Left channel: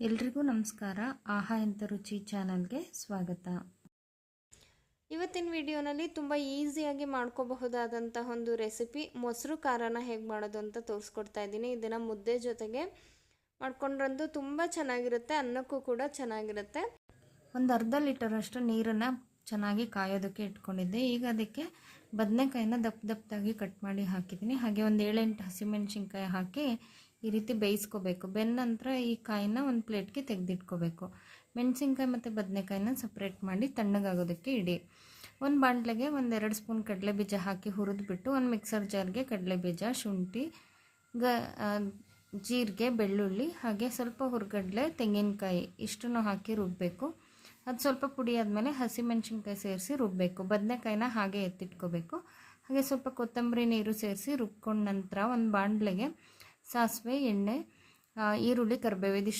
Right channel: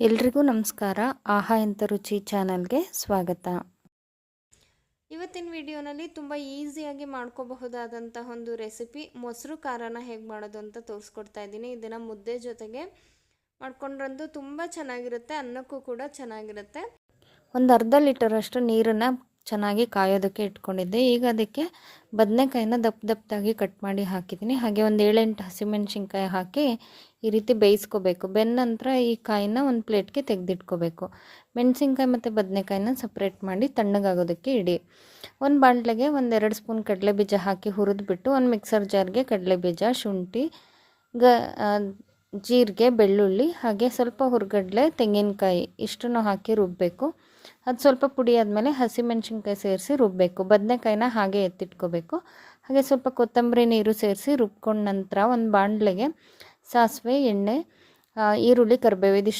ಎಲ್ರಿಗೂ ನಮಸ್ಕಾರ. ಆಹಾ ಎಂಥ ರುಚಿ ಚಾನಲ್ಗೆ ಸ್ವಾಗತ. ಇವತ್ತಿನ ವಿಡಿಯೋನಲ್ಲಿ ತುಂಬ ಈಸಿಯಾಗಿ ಮಾಡ್ಕೋಬಹುದಾದಂತಹ ಒಂದು ರೆಸಿಪಿ ಮೊಸರು ಖಾರನ ಹೇಗೆ ಮಾಡೋದು ಅಂತ ತೋರಿಸ್ಕೊಡ್ತಾ ಇದ್ದೀನಿ. ಇದನ್ನು ಮುದ್ದೆ ಜೊತೆಗೆ ಮಾಡ್ಕೊಂಡ್ರಂತೂ ತುಂಬ ಚೆನ್ನಾಗಿರುತ್ತೆ, ಅನ್ನಕ್ಕೂ ಕೂಡ ಚೆನ್ನಾಗಿರುತ್ತೆ. ಒಂದು ಅರ್ಧ ಲೀಟರಷ್ಟು ನೀರನ್ನು ಚೆನ್ನಾಗಿ ಕಾಯೋದಕ್ಕೆ ಇಟ್ಕೊಂಡಿದ್ದೆ. ಈಗ ಅದಕ್ಕೆ ಬದನೆಕಾಯಿನ ದಪ್ಪದಾಗಿ ಕಟ್ ಮಾಡಿ ಹಾಕಿದ್ದೀನಿ. ಹಾಗೆ ಒಂದು 7-8 ಹಸಿಮೆಣ್ಸಿನ್ಕಾಯಿ ಹಾಕಿ ಈ ರೀತಿ ಬೇಯಿಸ್ಕೋಬೇಕು. ಬೆಂದ ನಂತರ ಈ ಕಾಯಿನ ಒಂದು ಪ್ಲೇಟ್ಗೆ ತೆಗೆದಿಟ್ಕೋಬೇಕು. ಮೆಣಸಿನ್ಕಾಯಿ ಮತ್ತು ಬದನೆಕಾಯಿನ ಸಪ್ರೇಟ್ ಮಾಡಿ ತಣ್ಣಗಾಗೋದಕ್ಕೆ ಇಡಿ. ಒಂದು ಬಾಣಲೆಗೆ 1-2 ಸ್ಪೂನ್ ಕಡಲೆಬೀಜ ಹಾಕಿ ಹುರಿದ್ಬಿಟ್ಟು ಒಂದು ಮಿಕ್ಸರ್ ಜಾರ್ಗೆ ಕಡಲೆಬೀಜ, ಶುಂಠಿ, ಜೀರಿಗೆ, ಬೆಳ್ಳುಳ್ಳಿ ಹಾಗೆ ಸ್ವಲ್ಪ ಹುರ್ಗಡ್ಲೆ, ತೆಂಗಿನಕಾಯಿ ಇಷ್ಟನ್ನು ಹಾಕಿ ರುಬ್ಬಬೇಕು. ಅದು ಸ್ವಲ್ಪ ಪುಡಿ ಆದಮೇಲೆ ಹಸಿಮೆಣ್ಸಿನ್ಕಾಯಿ ಸೇರಿಸಿ ರುಬ್ಬಬೇಕು. ಬದನೆಕಾಯಿನ ಹಾಗೆ ಎತ್ತಿಟ್ಕೋಬೇಕು. ಹಾಗೆ ಸ್ವಲ್ಪ ಕೊತ್ತಂಬರಿ ನೀರು ಸೇರಿಸಿ ರುಬ್ಕೊಂಡ ನಂತರ ಒಂದು ಬಾಣಲೆಗೆ ಸಾಸಿವೆ, ಎಣ್ಣೆ, ಈರುಳ್ಳಿ, ಕರಿಬೇವು ಇದಿಷ್ಟು